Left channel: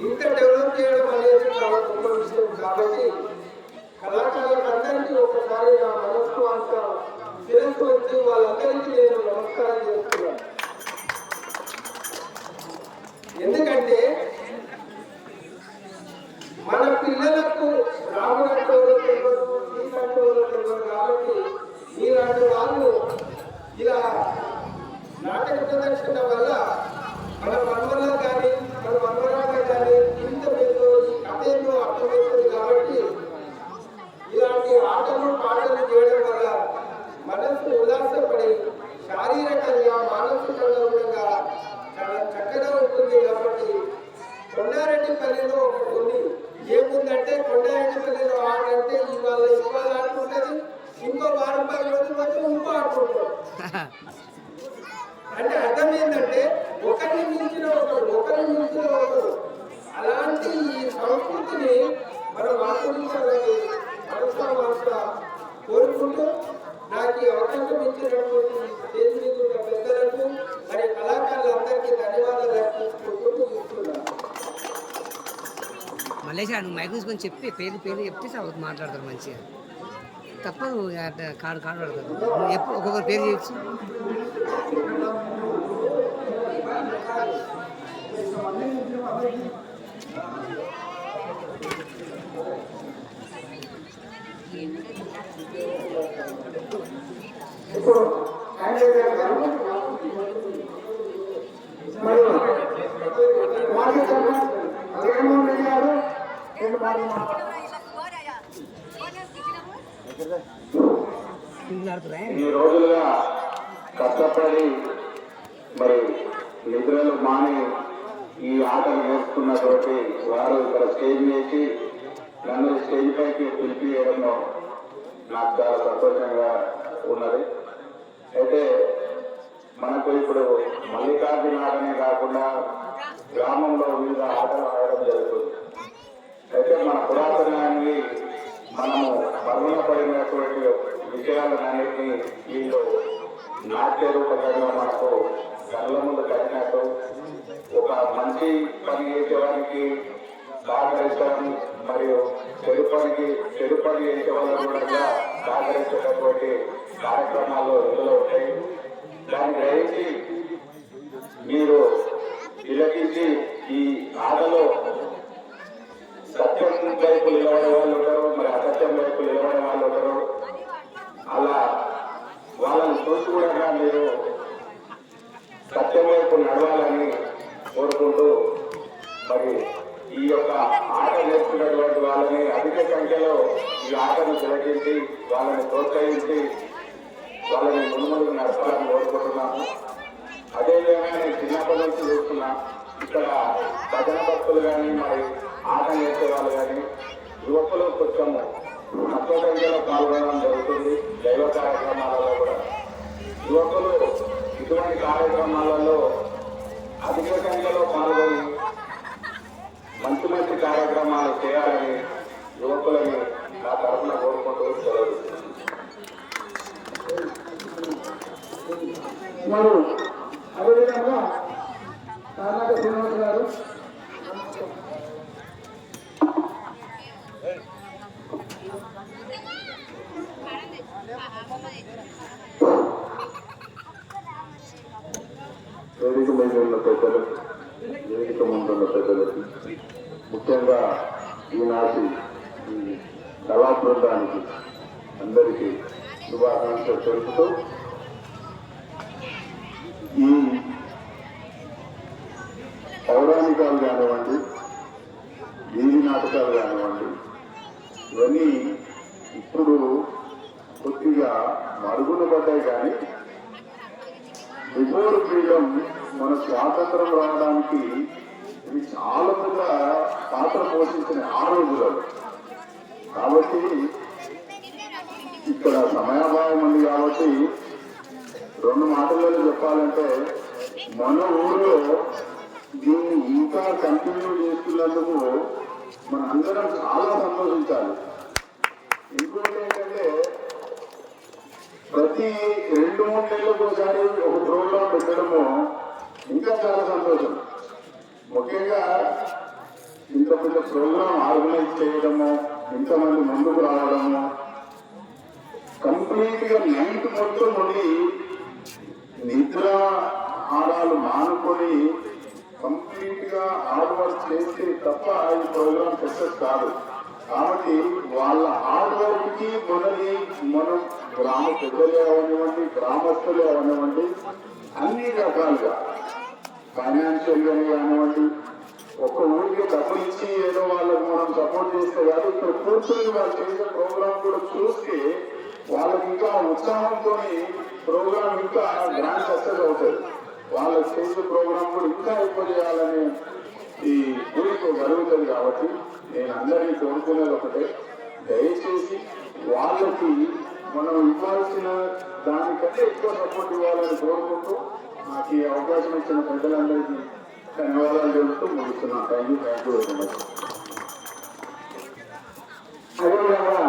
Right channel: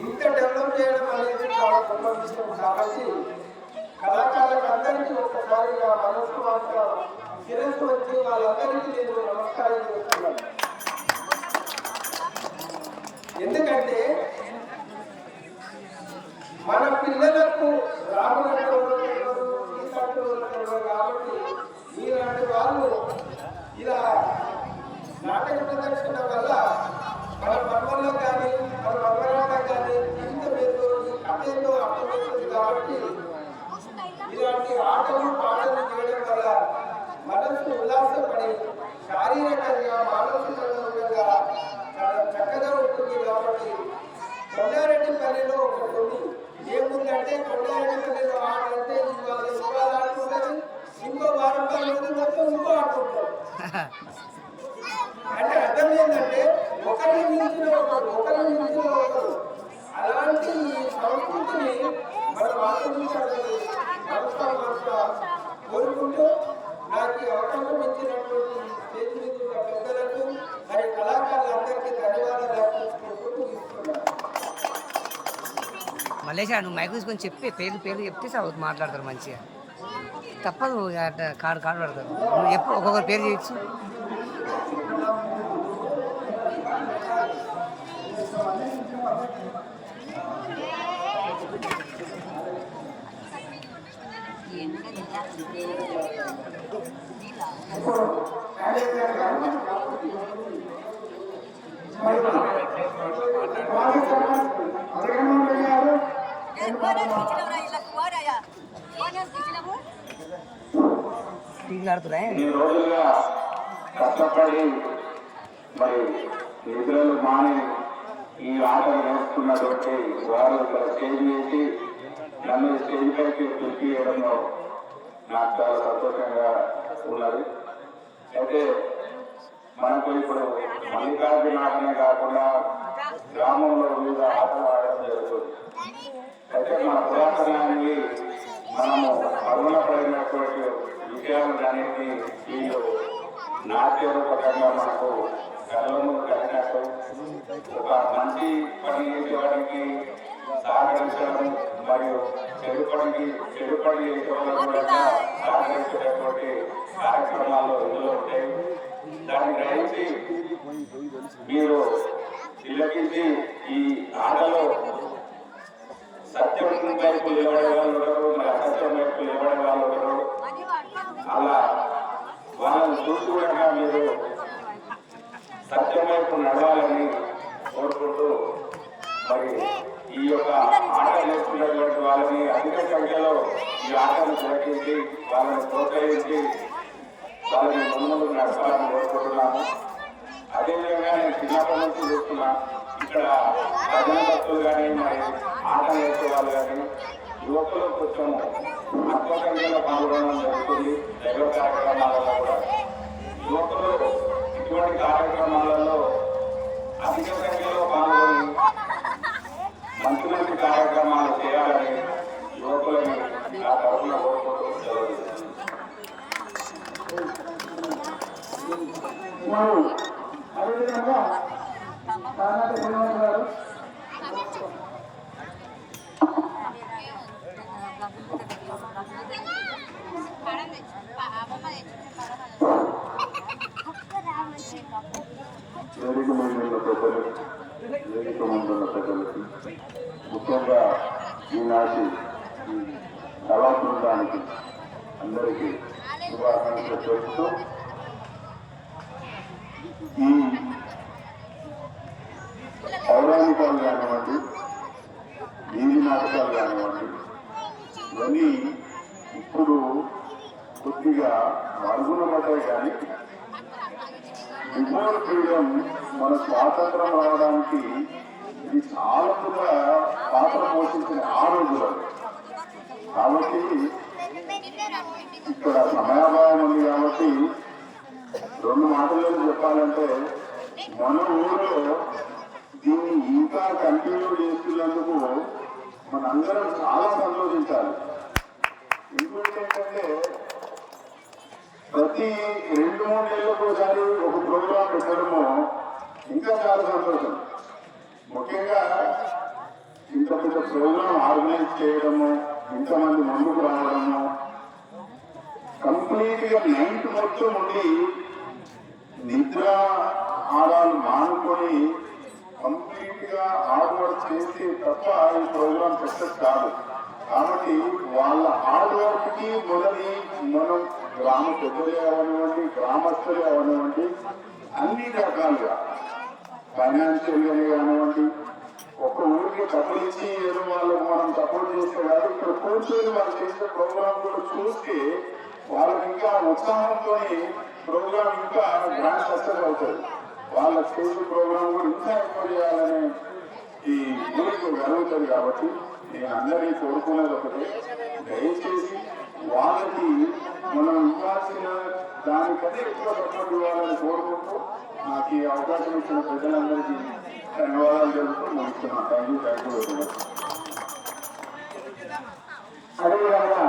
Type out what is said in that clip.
ఇంత డెవలప్ చేయడం అనేది చాలా గొప్ప విషయం. కాబట్టి కళాకారులందరికీ ఒకసారి నా మనసు అంత శిరస్సు వచ్చి వాళ్ళందరికీ నేను నమస్కారం చేస్తున్నాను. ఎందుకంటే మన పిల్లలకు రాములంటే తెలియదు, సీతంటే తెలియదు. కాబట్టి మీలాంటి వాళ్ళు ఇలా నాటక ప్రదర్శన వల్ల మన వర్మలో కానీ మన వర్మరాగా కానీ ఇంత ఏదో ఈ కథ ఏదో అర్థమవుతుంది. కాబట్టి ఇలాంటి ఆటలు పాటలు చేయడం వల్ల మనస్సు ఉల్లాసపడి శారీరకంగా మానసికంగా చాలా చక్కగా ఉంటుంది. కాబట్టి కొండారెడ్డిపల్లిలో ఒకటి ఉంది. ఏముందంటే కొండారెడ్డిపల్లిలో ఆట అంటే ఇవాళ ఆడుకుంటుంది, ఇంకో వారం 10 రోజులు వస్తే ఇంకో ఆడుకుంటారు. అంటే అర్థం ఏంటంటే ఒకరిని మించిన ఒకరు అలాంటి ఈ సంస్కృతిని మనం ఆస్వాదించాలని మనసా కోరుకుంటూ నాకు ఈ అవకాశం ఇచ్చినటువంటి స్టేజ్ మీద ఉన్న పెద్దలకు మరి కళాకారులందరికీ ధన్యవాదాలు అర్పించుకుంటూ తీసుకున్నాను. మల్లేషా నువ్వు మైక్ తీసుకొని చెప్పి పేర్లు చెప్తే సార్ మాట్లాడతారు మంచిగా. తప్పదు కాడు పడతారు. నువ్వు ఎప్పుడు ఒక్కొక్కరు పేరు చేయొచ్చు. ఈ రోజులుగా కష్టపడి మరి నిద్రలు మాని ఈ ఆటలు నేర్చుకున్నటువంటి వారు ఇక్కడ స్టేజ్ వేసి నన్ను స్టేజ్ పైకి పిలిపియడంలో నాకు చాలా సంతోషంగా ఉన్నది. అయితే మనకు ఇప్పుడు మల్లికార్జున ఆటనే కాకుండా గ్రామంలో వివిధ ఆటలు ఆడడం జరుగుతుంది. అయితే మన పురాతనాన్ని మనము పరుగున పడినటువంటి విషయాలన్నింటినీ వీళ్ళు నాట్య రూపకంగా మనకు కళ్ళ ముందు కట్టినట్టు ఒక మంచి పని చేసేవారికి సహకరించడం మరియు చెడు పని చేసే వాళ్ళకి కూడా సహకరించేటటువంటి కార్యక్రమాల్లో ఇందులో ఉంటాయి. దాన్ని గ్రహించి మీరు తిలకించి ఈ ఆటలో సత్యం వైపు నిలబడే వాళ్ళు ఉంటారు, మరి అసత్యం వైపు నిలబడే వాళ్ళు ఉంటారు. అలా వాళ్ళని చూసి కూడా మీరు సత్యం వైపు నడవాలని కోరుకుంటూ మరి ఈ యొక్క ఆట నేర్చుకున్నటువంటి వాళ్ళని అధిక సంఖ్యలో ఈ ఆటను తిలకించి వాళ్ళని ప్రోత్సహించి వాళ్ళని ముందుకు నడపాలని కోరుకుంటున్నాము. అదేవిధంగా నేను చిన్నప్పటి నుంచి చూస్తున్నా ఇక్కడ భజన భక్తులు కానీ మరి ఆట నేర్చే వాళ్ళు కానీ యువకులు కొంచెము తక్కువ సంఖ్యలో పాల్గొనడం జరుగుతుంది. దైవ కార్యక్రమాలలో కూడా యువకులు ఇటువంటి కార్యక్రమాలలో అధిక సంఖ్యలో పాల్గొని మంచి కార్యక్రమాలు చేయాలని యువకులని నా తరఫున కోరుకుంటూ సెలవు. అదేవిధంగా కర్ణాటక శ్రీనివాస్ గారు వేదిక మీద ఉన్న పెద్దలకు, వేదిక ముందున్న పెద్దలకు, ముఖ్యంగా ఈనాటి ఈ కళా బృందానికి అందరికీ శుభాకాంక్షలు తెలుపుతూ ఈ పౌరాణికాలు కానివ్వండి, వీధి నాటకాలు కానివ్వండి, ఇవన్నీ ఇప్పుడు కొద్దిగా మరుగున పడ్డాయి. కానీ బిఫోర్ ఫ్రీడమ్ మన స్వాతంత్రం రావడానికి ఇది చాలా పాత్ర పోషించిన ఆ రోజులలో. కాబట్టి ఇక్కడ సమయాభావం ఉంది. కాబట్టి 2 మాటలలో చెప్పాలంటే మన ఊరిలో దీన్ని ఇంకా కంటిన్యూ చేస్తున్నందుకు మనందరం చాలా సంతోషించాలి. ఇంకోటి ఏంటంటే ప్రతి 2-3 నెలలకు ఒకసారి ఒక ప్రోగ్రాం పెట్టడము ఇంకా చాలా సంతోషం. ముఖ్యంగా ప్రోగ్రామ్ ఆర్గనైజ్ చేయడము, ఇంతమంది ముందుకు రావడము, కంప్లీట్ గా నైట్ మొత్తం ఉండి నిద్ర ఆడాలు మానుకొని కంప్లీట్ గా హార్డ్ వర్క్ చేస్తే తప్ప ఈ ప్రోగ్రామ్ సక్సెస్ కాదు. కాబట్టి వాళ్ళ హార్డ్ వర్క్ కి మొదటి మనం గ్రామ పెద్దలే అవనివ్వండి, గ్రామస్తులే అవనివ్వండి, అన్ని రకాలుగా ఫైనాన్షియల్ గానే కానివ్వండి, ఒక్క ఊరికి డబ్బులు ఇచ్చి ఏదో వాళ్ళకి మనం సపోర్ట్ చేస్తే కాదు, ఇక్కడ కూర్చొని వాళ్ళు చేసే ప్రోగ్రామ్ కూడా చూస్తే వాళ్ళకి ఇంకా ఉత్సాహంతో ప్రోగ్రామ్ ఇంకా గ్రాండ్ సక్సెస్ అవుతుంది. వాళ్ళకి చేసే ప్రోగ్రామ్ కూడా ఇంకా ఎక్కువ చేయాలనే ఈ ఊరికి జరుగుతుంది. కాబట్టి నేను అందరినీ కోరుకునేది ఒకటే, దయచేసి వాళ్ళకి మనం ఇవ్వాల్సిన దానికంటే ఎక్కువ సపోర్ట్ ఇవ్వాలని కోరుకుంటూ నాకు ఈ అవకాశం ఇచ్చిన పెద్దలందరికీ ధన్యవాదాలు తెలుపుతూ ముగిస్తున్నాను. Thank you very much. అదేవిధంగా